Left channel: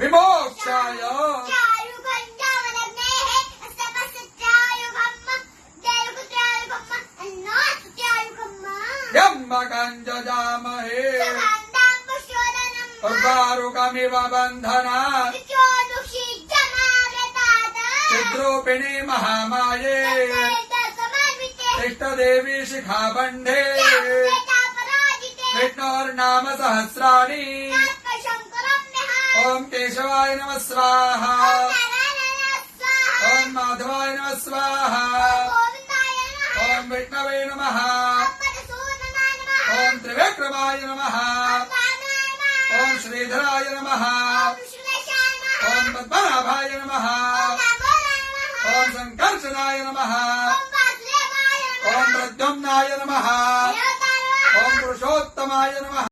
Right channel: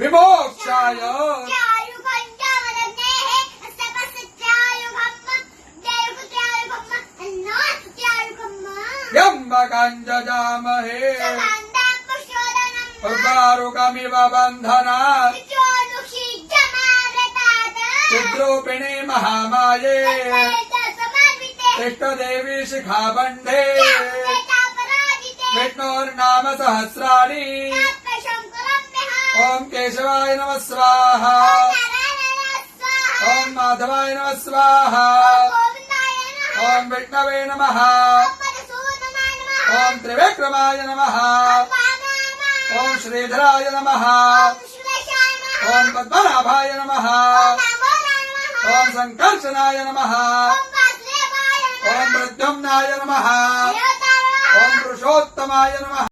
विमोक्षाय त्र्यम्बकञ्जजामहे उर्वारुकमिव बन्धनात् चिद्रूपिणी महामाये इष्टदेवी शिखाबन्धे विष्णोर्नाम सहस्राणि ओम केशवाय नमः स्वाहा ओम माधवाय नमः स्वाहा ओम विष्णवे नमः ओम त्रिविक्रमाय नमः ओम श्रीधराय नमः ओम पद्मनाभाय नमः ओम संकर्षणाय नमः ओम प्रद्युम्नाय नमः ओम पुरुषोत्तमाय नमः।